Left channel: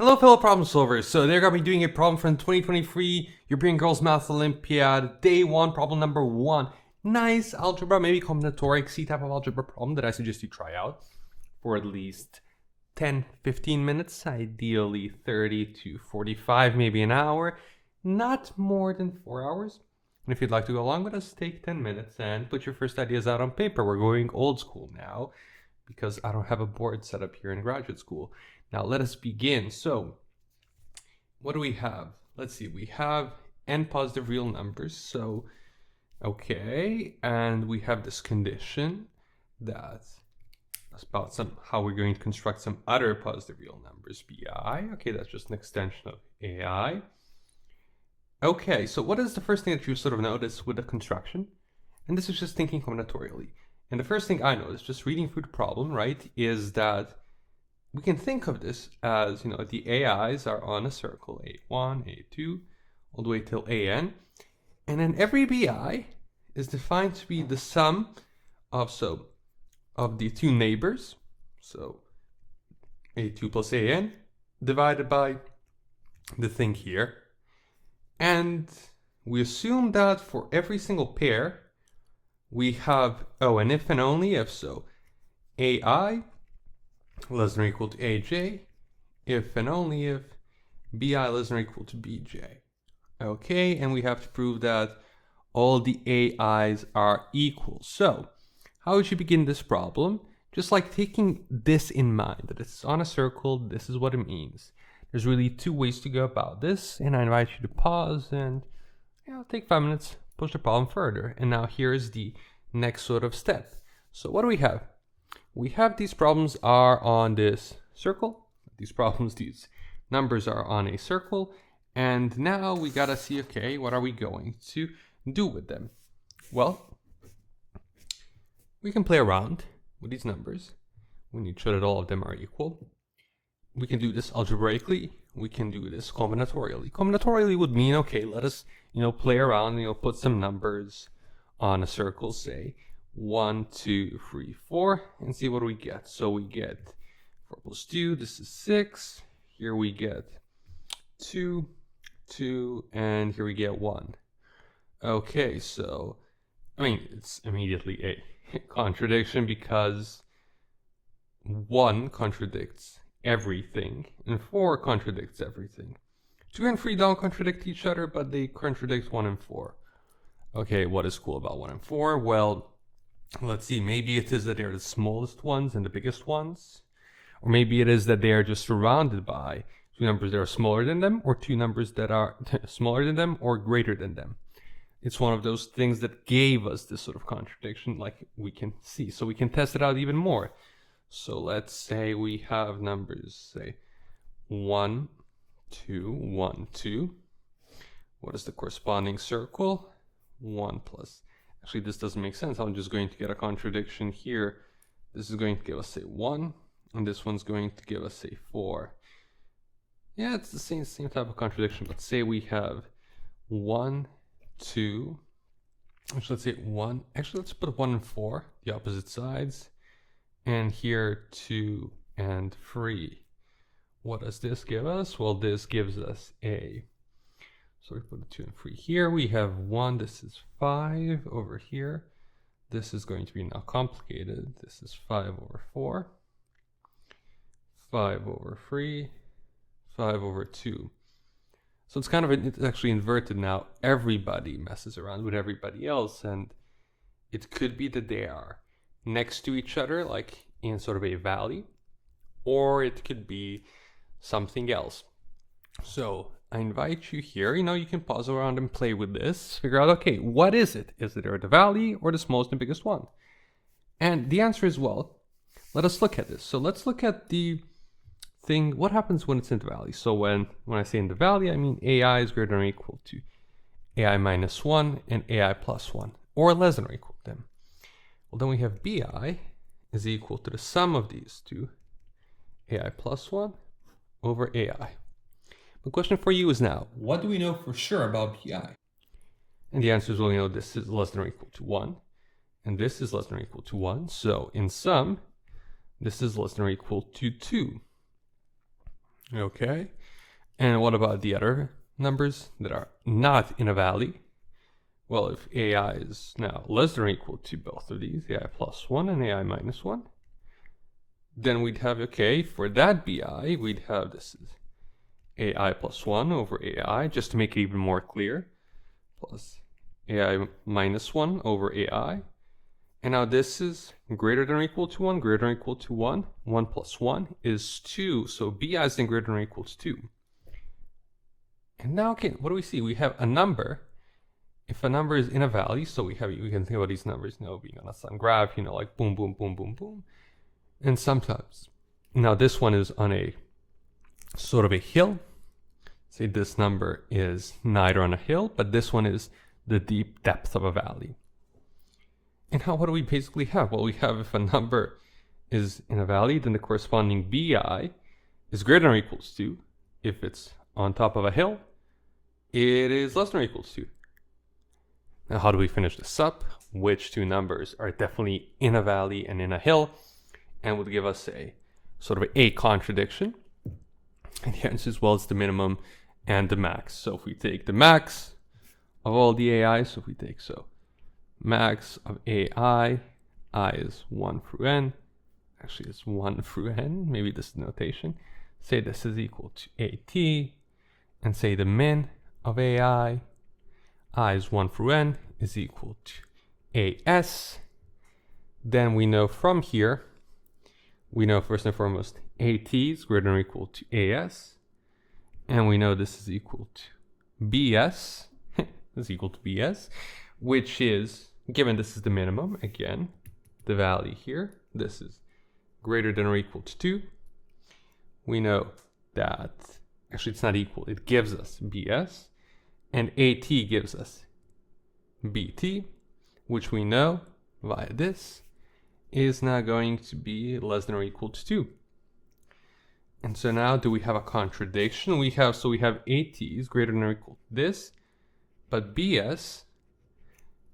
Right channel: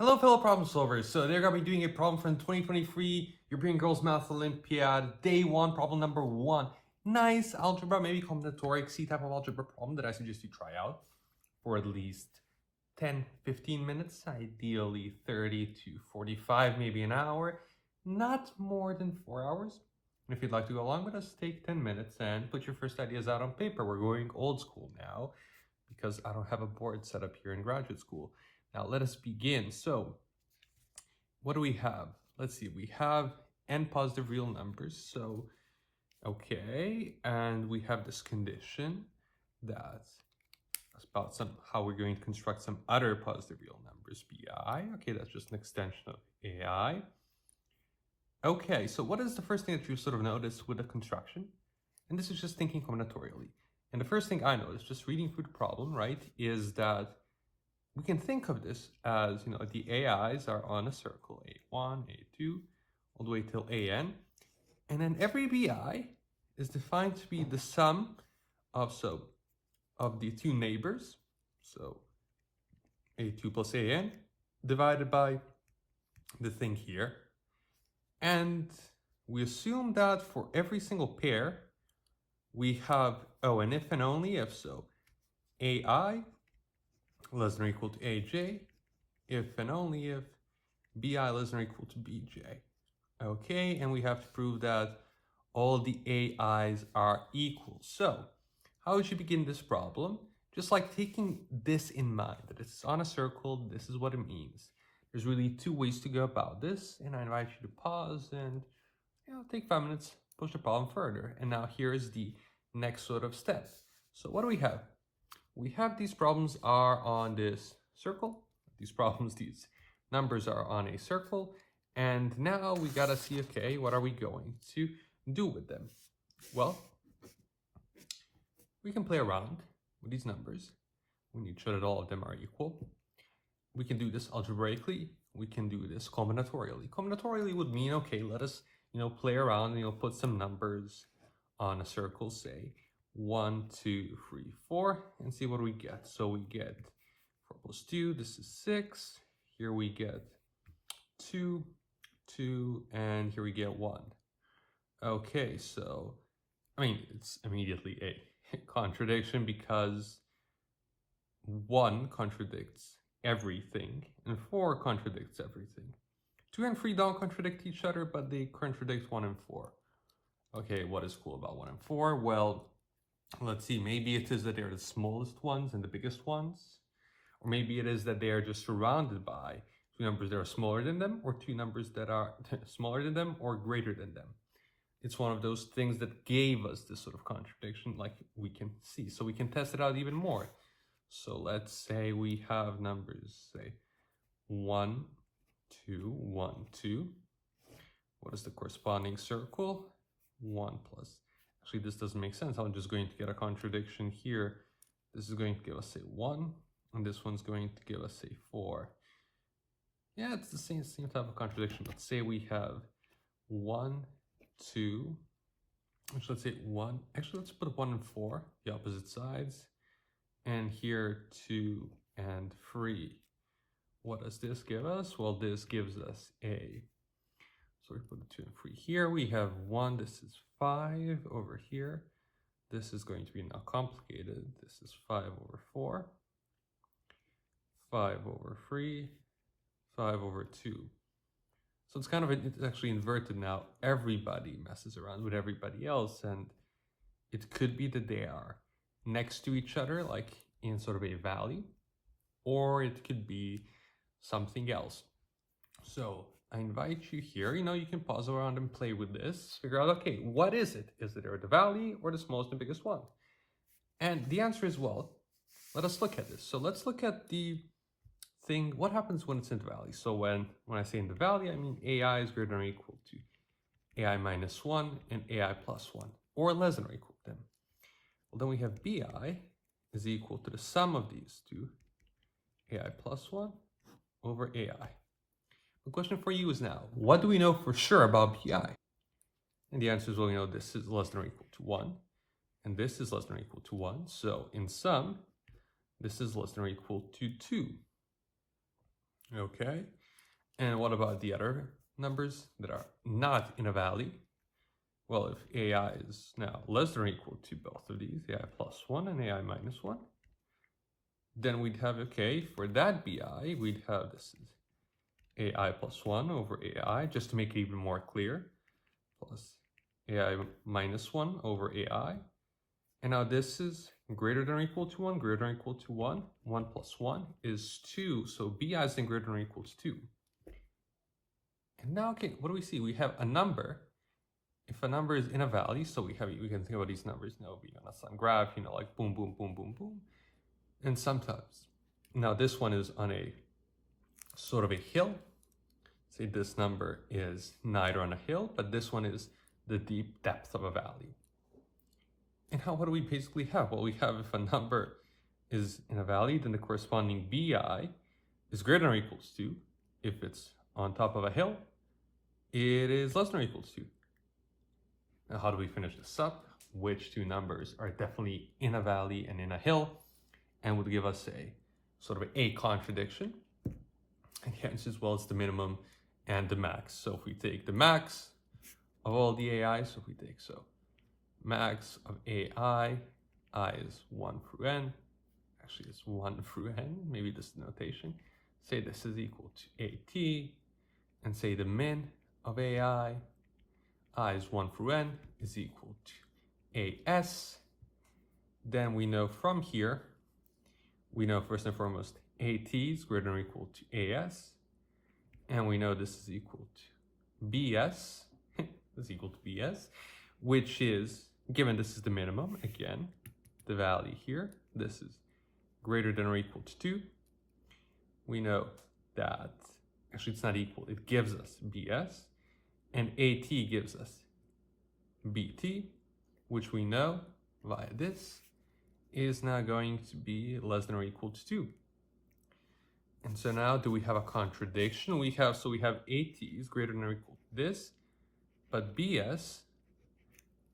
Hello, fellow problem solvers. So they're going to be doing a problem from the 2023 European Girls Math Olympiad, day one, problem number 1. Nice algebra, maybe combinatoric C type of algebra problem that I suggest you try out for at least 10-15 minutes, ideally 30 to 45, maybe an hour, not more than 4 hours. And if you'd like to go along with us, take 10 minutes and put your first ideas out on paper. We're going old school now because I don't have a board set up here in graduate school. Now let us begin. So what do we have? Let's see, we have n positive real numbers. So, okay, and we have this condition that's about how we're going to construct some other positive real numbers, bi. Okay, that's just an extension of ai. Okay, so what is the first thing that you sort of notice with the construction? And this is just thinking combinatorially. And the first thing I noticed, just reading through the problem, right, is that we can think of this as, the AIs are on a circle, A1, A2, all the way till AN. And then every BI is defined to be the sum of the two neighbors, so A2 plus AN, divided by the thing here. And we assume that for every single pair, we have, and if and only if, so AI less than or equal to AJ, if and only if BI less than or equal to BJ. Okay, and we have to prove that all the AIs are equal. So, how would you begin this problem? Just like taking this in mind, that it's on a circle, this is what it means. There's really two ways to go about this, and I invite you to pause and take 5 minutes, push the problem further. And now here's the next sort of step. So what do we have? We have these problems are on this circle. These numbers are on a circle. And now we gotta see, okay, what are we going to do with them? Well, we can play around with these numbers. We need to show that all of them are equal. We can do this algebraically. We can do this combinatorially. Combinatorially would mean, okay, let us, play around, put some numbers on a circle, say 1, 2, 3, 4, and see what we get. So we get 4 plus 2, this is 6. Here we get 2, 2, and here we get 1. Okay, so, it's immediately a contradiction because 1 contradicts everything, and 4 contradicts everything. 2 and 3 don't contradict each other, but they contradict 1 and 4. Okay, what is cool about 1 and 4? Well, let's see, maybe it is that they're the smallest ones and the biggest ones. Or maybe it is that they are just surrounded by 2 numbers that are smaller than them, or 2 numbers that are smaller than them or greater than them. It's one of those things that gave us this sort of contradiction, like we can see. So we can test it out even more. So let's say we have numbers, say 1, 2, 1, 2. What is the corresponding circle? 1 plus. Actually, this doesn't make sense. I'm just going to get a contradiction here. This is going to give us, say, 1, and this one's going to give us, say, 4. Yeah, it's the same type of contradiction, but say we have 1, 2. Actually, let's say 1. Actually, let's put 1 and 4, the opposite sides. And here 2 and 3. What does this give us? Well, this gives us a, so we put the 2 and 3 here. We have 1, this is 5 over here. This is going to be now complicated. This is 5 over 4, 5 over 3, 5 over 2. So it's it's actually inverted now. Everybody messes around with everybody else, and it could be that they are next to each other, like in sort of a valley, or it could be something else. So I invite you here, you can pause around and play with this, figure out, okay, what is it? Is it the valley or the smallest and biggest one? And the answer is, well, let us look at this. So let's look at the thing, what happens when it's in the valley? So when I say in the valley, I mean AI is greater than or equal to AI minus 1 and AI plus 1, or less than or equal to them. Well, then we have BI is equal to the sum of these two, AI plus 1 over AI. The question for you is now, what do we know for sure about BI? And the answer is, well, this is less than or equal to 1, and this is less than or equal to 1. So in sum, this is less than or equal to 2. Okay. And what about the other numbers that are not in a valley? Well, if AI is now less than or equal to both of these, AI plus 1 and AI minus 1, then we'd have, okay, for that BI, we'd have this is AI plus 1 over AI, just to make it even more clear, plus AI minus 1 over AI. And now this is greater than or equal to 1, greater than or equal to 1. 1 plus 1 is 2, so BI is then greater than or equal to 2. And now, okay, what do we see? We have a number. If a number is in a valley, so we can think about these numbers, being on a sun graph, like boom, boom, boom, boom, boom. And sometimes, now this one is on a sort of a hill. Say this number is neither on a hill, but this one is the deep depth of a valley. And what do we basically have? Well, we have if a number is in a valley, then the corresponding BI is greater than or equal to 2. If it's on top of a hill, it is less than or equal to 2. Now, how do we finish this up? Which two numbers are definitely in a valley and in a hill, and would give us a sort of a contradiction? And the answer is, well, it's the minimum and the max. So if we take the max of all the AIs, so if we take, max of AI, I is 1 through n. Actually, it's 1 through n. Maybe this is notation. Say this is equal to AT, and say the min of AI, I is 1 through n, is equal to AS. Then we know from here, we know first and foremost AT is greater than or equal to AS. And we know this is equal to BS. This is equal to BS, which is, given this is the minimum, again, the value here, this is greater than or equal to 2. We know that, actually it's not equal, it gives us BS, and AT gives us BT, which we know via this is now going to be less than or equal to 2. And so now do we have a contradiction? We have AT is greater than or equal to this, but BS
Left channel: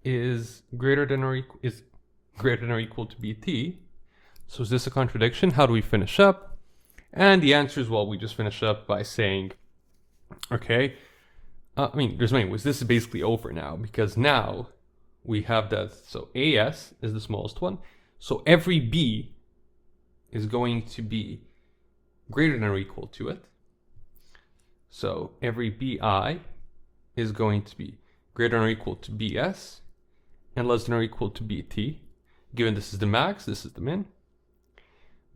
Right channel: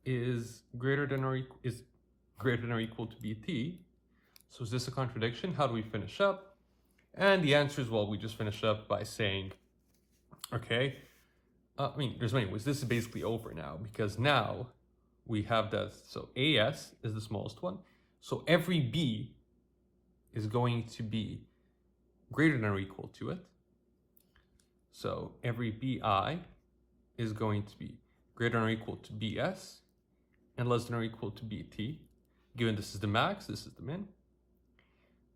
is greater than or equal to BT. So is this a contradiction? How do we finish up? And the answer is, well, we just finish up by saying, okay, there's many ways. This is basically over now, because now we have that, so AS is the smallest one. So every B is going to be greater than or equal to it. So every BI is going to be greater than or equal to BS and less than or equal to BT. Given this is the max, this is the min.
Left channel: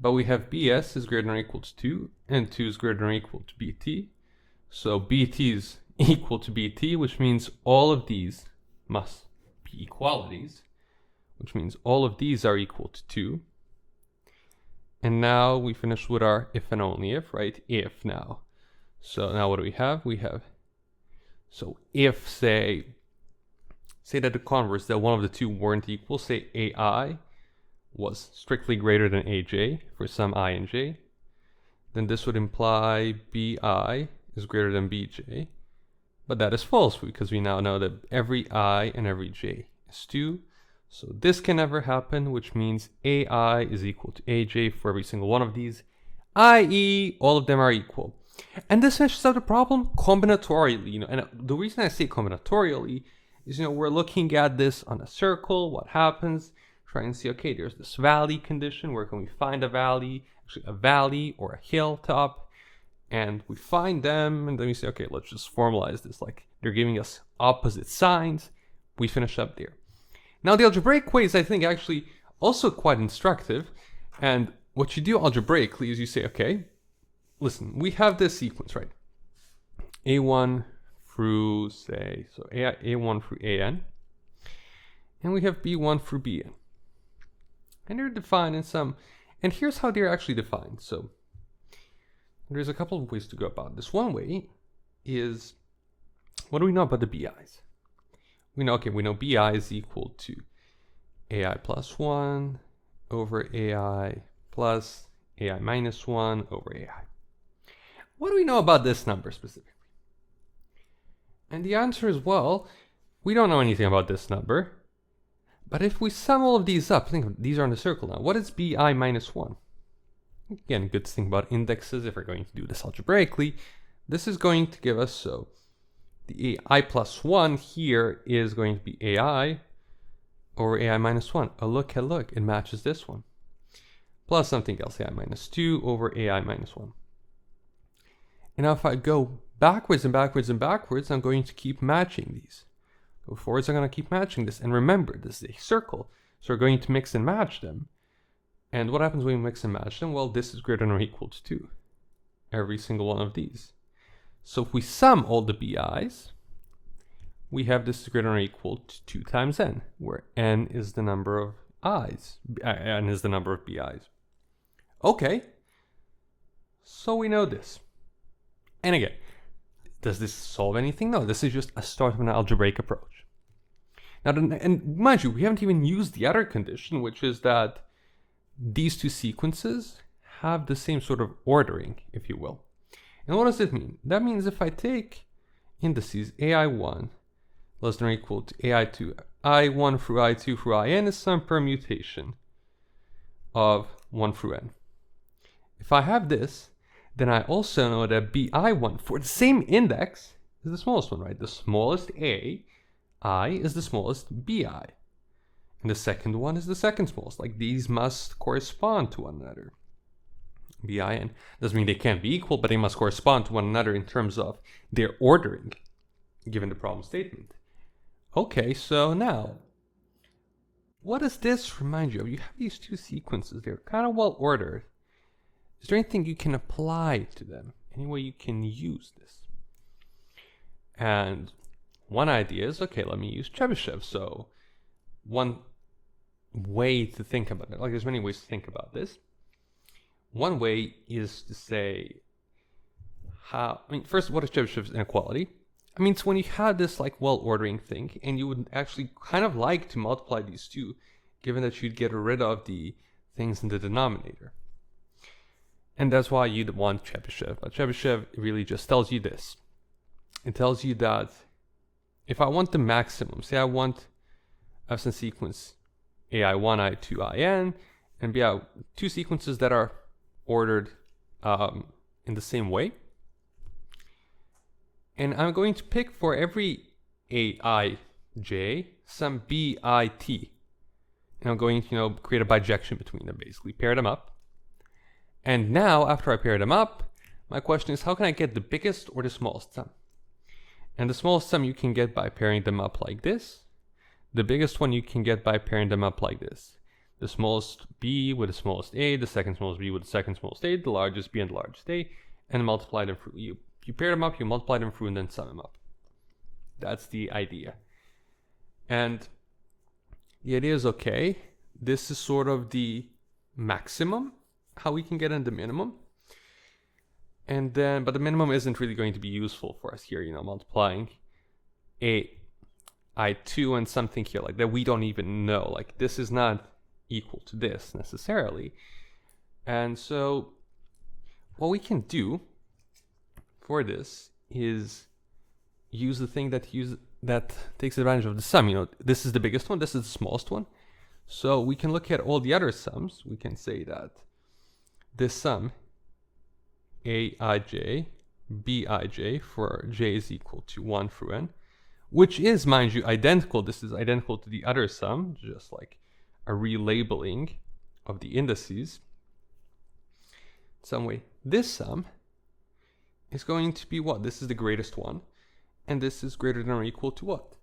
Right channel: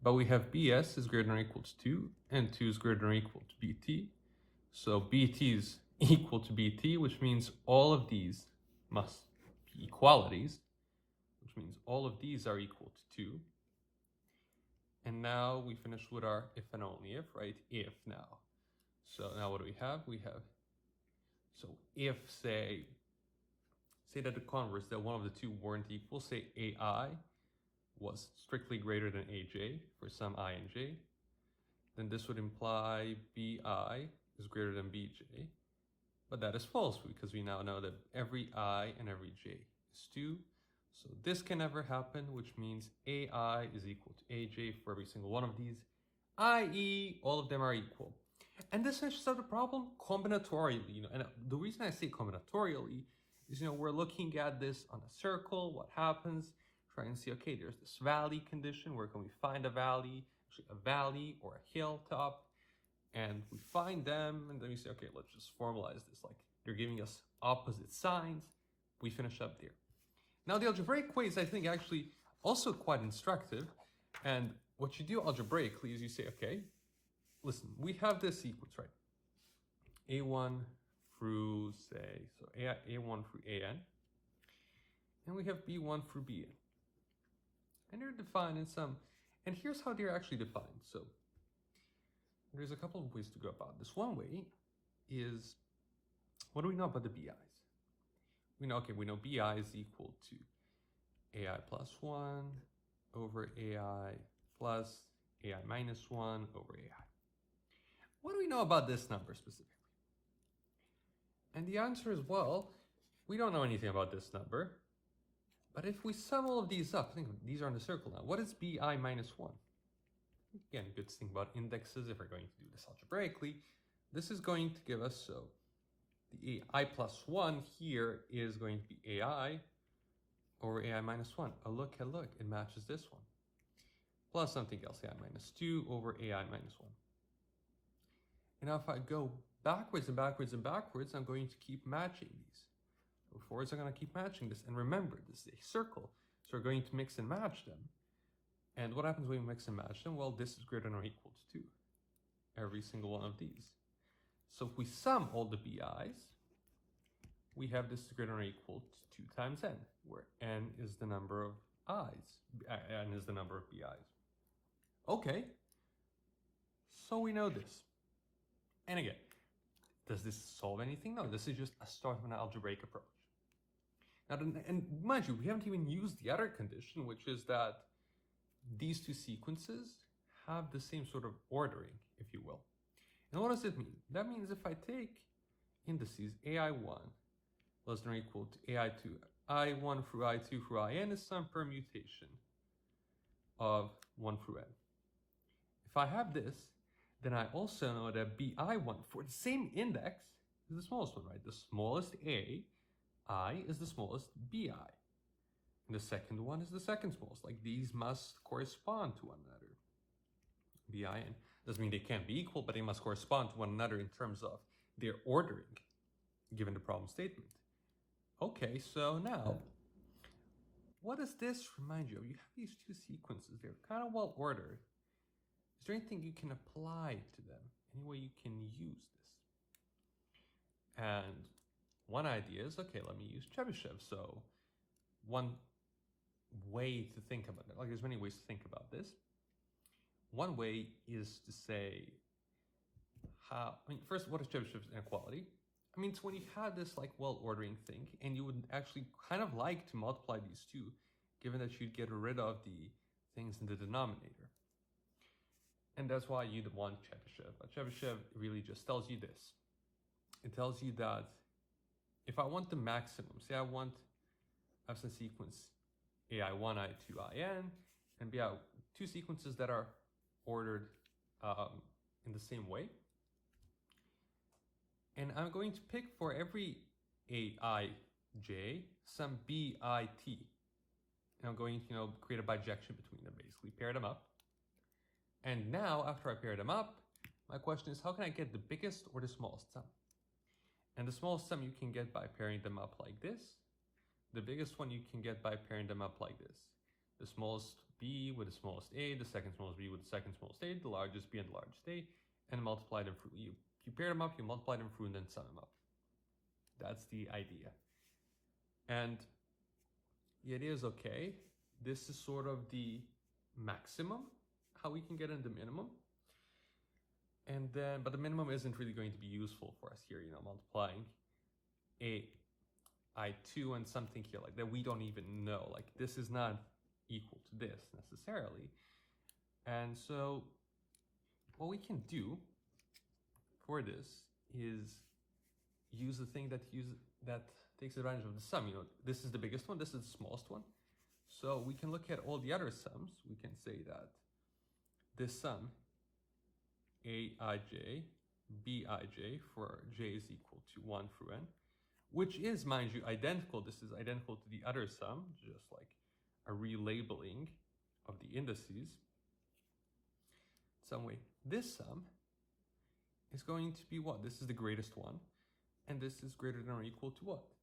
But we have BS is greater than or equal to 2, and 2 is greater than or equal to BT. So BT is equal to BT, which means all of these must be equalities, which means all of these are equal to 2. And now we finish with our if and only if, right? If now. So now what do we have? We have, so if say that the converse, that one of the two weren't equal, say AI was strictly greater than AJ for some I and J, then this would imply BI is greater than BJ. But that is false because we now know that every I and every J is 2. So this can never happen, which means AI is equal to AJ for every single one of these, i.e. all of them are equal. And this finishes out the problem combinatorially, and the reason I say combinatorially is, we're looking at this on a circle, what happens, trying to see, okay, there's this valley condition, where can we find a valley, actually a valley or a hilltop, and we find them, and then we say, okay, let's just formalize this, like they're giving us opposite signs, we finish up there. Now the algebraic way is, I think, actually also quite instructive, and what you do algebraically is you say, okay, listen, we have this sequence, right? A1 through, say, so A1 through AN, and we have B1 through BN. And they're defined in some, and here's how they're actually defined. So there's a couple of ways to go about this. One way is, what do we know about the BIs? We know BI is equal to AI plus 1 over AI plus AI minus 1 over AI. What do we know about this number specifically? And the answer is, well, we don't know anything about this number. But if we sum all of these up, think of these are in the circle now. What is BI minus 1? again, good thing about indexes, if we're going to do this algebraically, this is going to give us, so the AI plus 1 here is going to be AI over AI minus 1. Oh, look, it matches this one. Plus something else, AI minus 2 over AI minus 1. And now if I go backwards and backwards and backwards, I'm going to keep matching these. Go forwards, I'm going to keep matching this. And remember, this is a circle, so we're going to mix and match them. And what happens when we mix and match them? Well, this is greater than or equal to 2. Every single one of these. So if we sum all the BI's, we have this greater than or equal to 2 times n, where n is the number of i's, n is the number of BI's. Okay, so we know this. And again, does this solve anything? No, this is just a start of an algebraic approach. Now, and mind you, we haven't even used the other condition, which is that these two sequences have the same sort of ordering, if you will. And what does it mean? That means if I take indices ai1 less than or equal to ai2, i1 through i2 through in is some permutation of 1 through n. If I have this, then I also know that bi1 for the same index is the smallest one, right? The smallest I is the smallest bi. And the second one is the second smallest. Like, these must correspond to one another. bin doesn't mean they can't be equal, but they must correspond to one another in terms of their ordering, given the problem statement. Okay, so now, what does this remind you of? You have these two sequences. They're kind of well ordered. Is there anything you can apply to them? Any way you can use this? And one idea is, okay, let me use Chebyshev. So one way to think about it, like there's many ways to think about this. One way is to say first, what is Chebyshev's inequality? I mean, it's when you had this like well-ordering thing, and you would actually kind of like to multiply these two, given that you'd get rid of the things in the denominator. And that's why you'd want Chebyshev. But Chebyshev really just tells you this. It tells you that if I want the maximum, say I want some sequence ai1, i2, in, and two sequences that are ordered in the same way. And I'm going to pick for every aij some bit. And I'm going to, create a bijection between them, basically, pair them up. And now, after I pair them up, my question is, how can I get the biggest or the smallest sum? And the smallest sum you can get by pairing them up like this. The biggest one you can get by pairing them up like this. The smallest b with the smallest a, the second smallest b with the second smallest a, the largest b and the largest a, and multiply them through. You pair them up, you multiply them through, and then sum them up. That's the idea. And the idea is, okay, this is sort of the maximum, how we can get in the minimum. And then, but the minimum isn't really going to be useful for us here, multiplying i2 and something here like that we don't even know. Like, this is not equal to this necessarily. And so what we can do for this is use the thing that takes advantage of the sum. This is the biggest one, this is the smallest one. So we can look at all the other sums. We can say that this sum aij bij for j is equal to 1 through n, which is, mind you, identical. This is identical to the other sum, just like a relabeling of the indices. Some way, this sum is going to be what? This is the greatest one, and this is greater than or equal to what?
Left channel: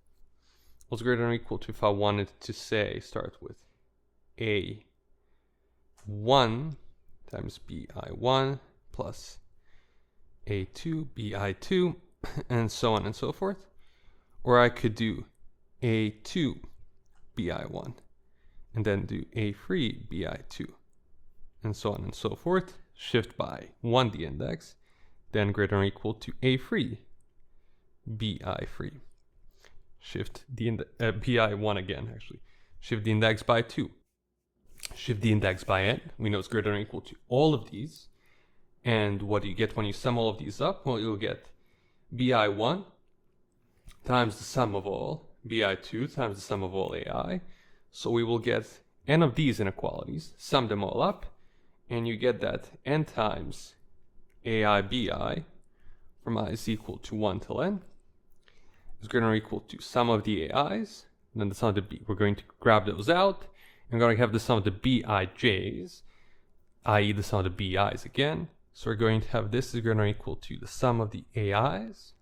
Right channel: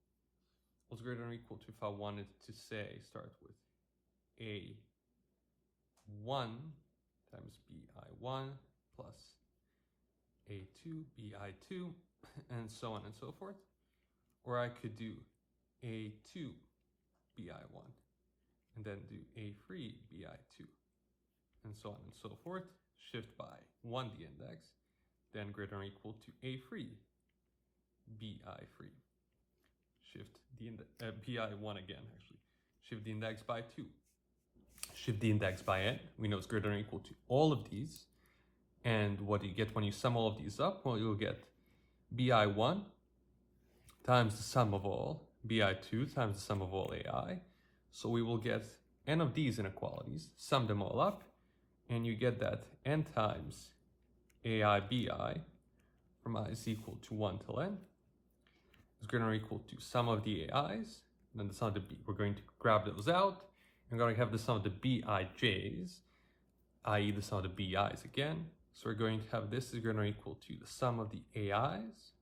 Well, it's greater than or equal to, if I wanted to say, start with a1 times bi1 plus a2 bi2, and so on and so forth. Or I could do a2 bi1 and then do a3 bi2, and so on and so forth. Shift by 1 the index, then greater than or equal to a3 bi3. Shift the bi1 again, actually. Shift the index by 2. Shift the index by n. We know it's greater than or equal to all of these. And what do you get when you sum all of these up? Well, you'll get bi1 times the sum of all bi2 times the sum of all ai. So we will get n of these inequalities, sum them all up, And you get that n times ai bi from I is equal to 1 till n is greater or equal to sum of the ai's, and then the sum of the b. We're going to grab those out, and we're going to have the sum of the bij's, i.e. the sum of the bi's again. So we're going to have this is greater or equal to the sum of the ai's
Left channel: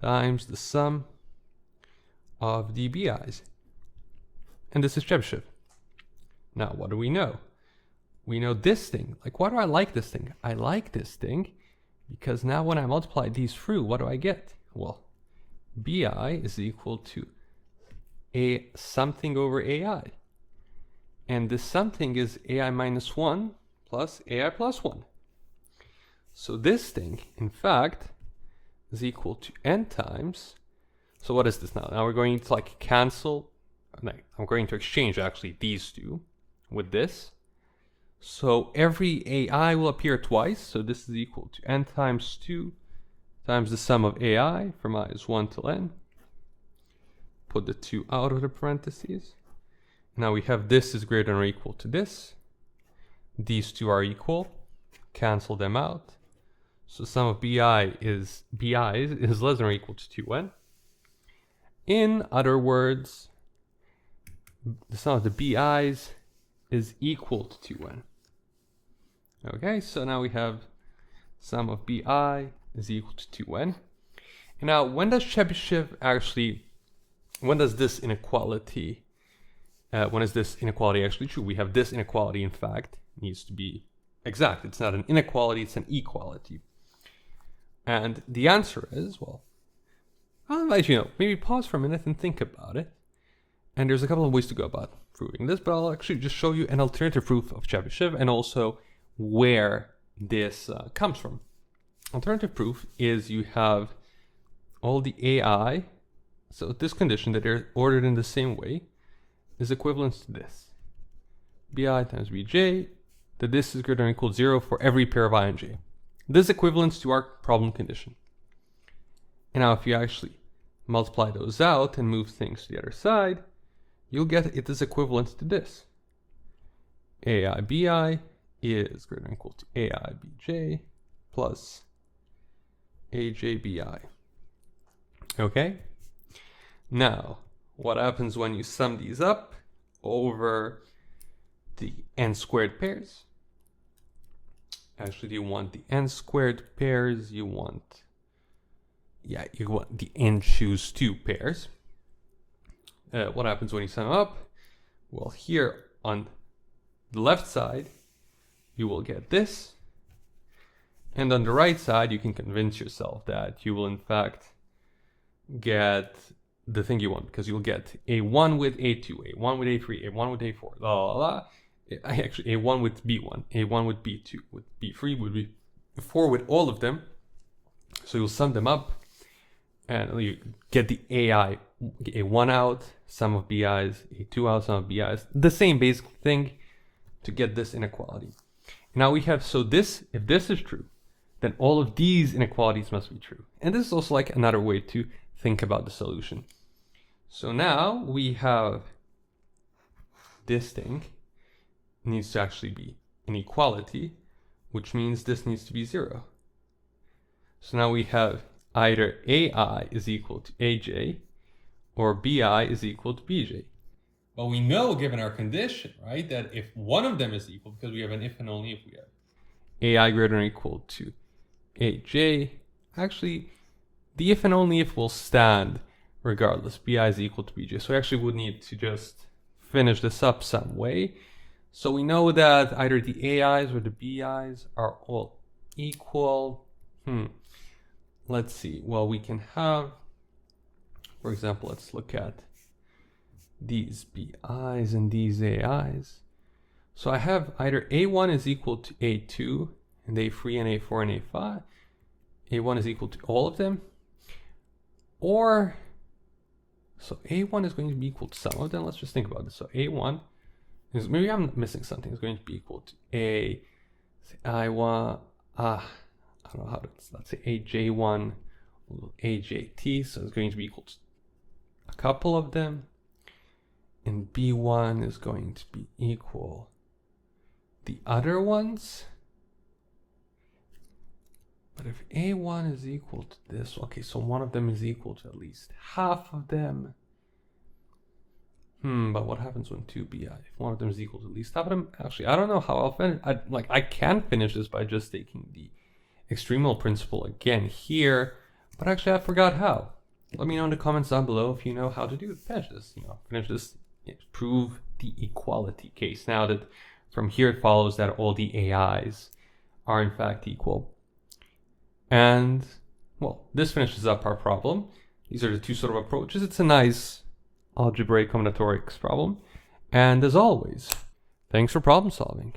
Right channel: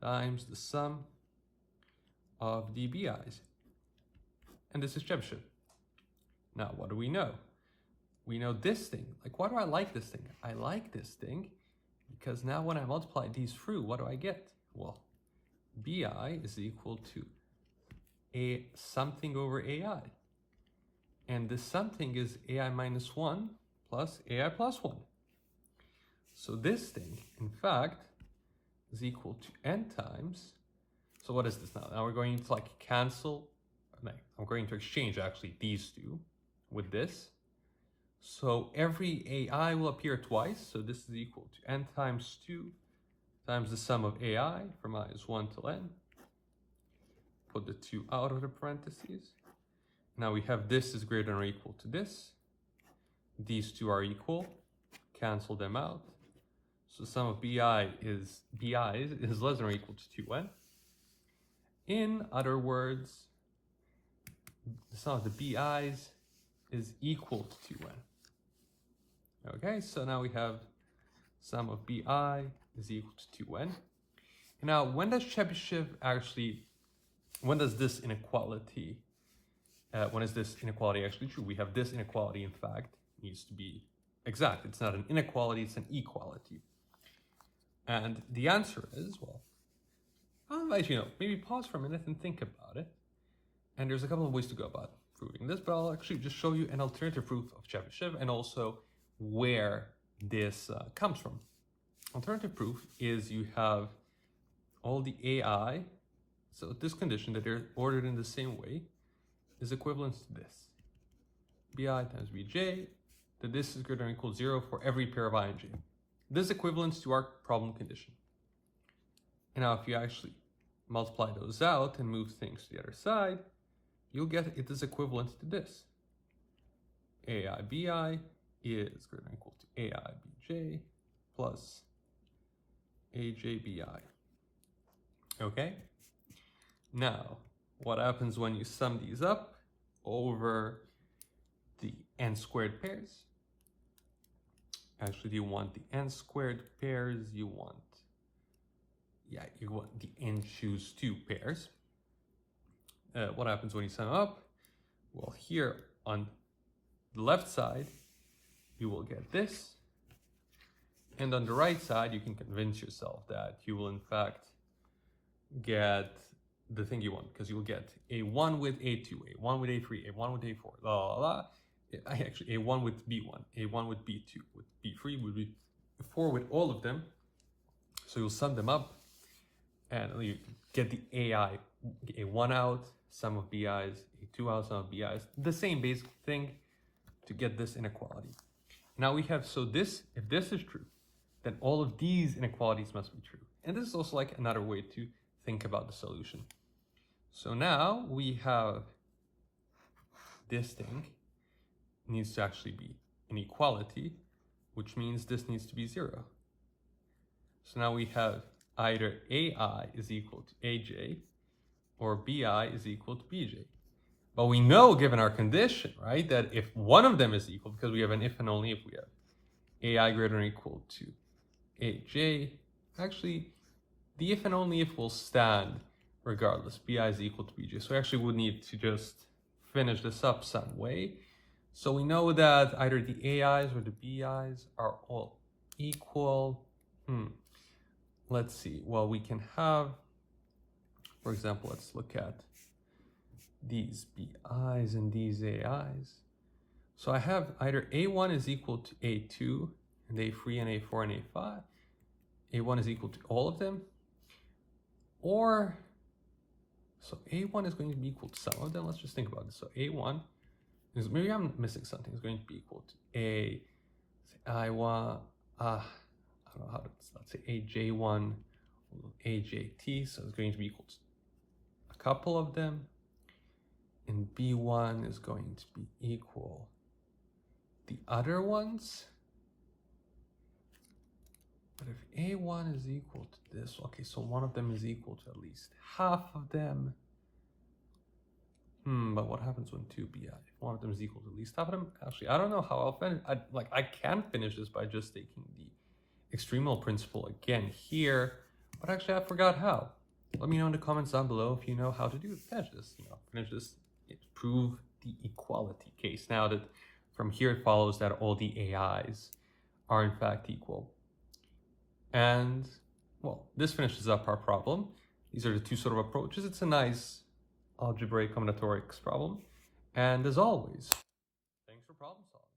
times the sum of the bi's. And this is Chebyshev. Now, what do we know? We know this thing. Like, why do I like this thing? I like this thing because now when I multiply these through, what do I get? Well, bi is equal to a something over ai. And this something is ai minus 1 plus ai plus 1. So this thing, in fact, is equal to n times. So what is this now? Now we're going to like cancel. No, I'm going to exchange actually these two with this. So every ai will appear twice. So this is equal to n times 2 times the sum of ai from I is 1 till n. Put the 2 out of the parentheses. Now we have this is greater than or equal to this. These two are equal. Cancel them out. So sum of bi's is less than or equal to 2n. In other words, the sum of the bi's is equal to 2n. Okay, so now we have sum of bi is equal to 2n. And now, when does Chebyshev actually, when does this inequality, when is this inequality actually true? We have this inequality, in fact, needs to be exact. It's not an inequality, it's an equality. And the answer is, well, I'll invite you know, maybe pause for a minute and think about it. And there's a couple of ways to go about proving this, but I'll actually just show you an alternative proof of Chebyshev and also where this comes from. Alternative proof is you have all the ai, so this condition that they're ordered in the same way is equivalent to this. bi times bj, that this is greater than or equal to 0 for every pair of I and j. This equivalents to our problem condition. And now if you actually multiply those out and move things to the other side, you'll get it is equivalent to this. ai bi is greater than or equal to ai bj plus aj bi. Okay? Now, what happens when you sum these up over the n squared pairs? Actually, you want the n squared pairs, you want the n choose 2 pairs. What happens when you sum up? Well, here on the left side, you will get this. And on the right side, you can convince yourself that you will in fact get the thing you want, because you'll get a1 with a2, a1 with a3, a1 with a4, blah, blah, blah. Actually, a1 with b1, a1 with b2, with b3, with b4, with all of them. So you'll sum them up, and you get the ai, a1 out, sum of bi's, a2 out, sum of bi's, the same basic thing to get this inequality. Now we have, so this, if this is true, then all of these inequalities must be true. And this is also like another way to think about the solution. So now we have this thing needs to actually be an equality, which means this needs to be 0. So now we have either ai is equal to aj or bi is equal to bj. But we know, given our condition, right, that if one of them is equal, because we have an if and only if we have ai greater than or equal to aj, actually the if and only if will stand regardless. Bi is equal to bj. So we actually would need to just finish this up some way. So we know that either the ai's or the bi's are all equal. Let's see. Well, we can have, for example, let's look at these bi's and these ai's. So I have either a1 is equal to a2 and a3 and a4 and a5. a1 is equal to all of them. Or, so a1 is going to be equal to some of them. Let's just think about this. So a1 is, maybe I'm missing something. It's going to be equal to I don't know how to, let's say aj1, ajt. So it's going to be equal to a couple of them. And b1 is going to be equal the other ones. But if A1 is equal to this, okay, so one of them is equal to at least half of them. But what happens when 2bi? If one of them is equal to at least half of them? Actually, I don't know how I'll finish. I can finish this by just taking the extremal principle again here, but actually I forgot how. Let me know in the comments down below if you know how to finish this. Prove the equality case. Now that from here it follows that all the AIs are in fact equal. And, well, this finishes up our problem. These are the two sort of approaches. It's a nice algebraic combinatorics problem. And as always, thanks for problem solving.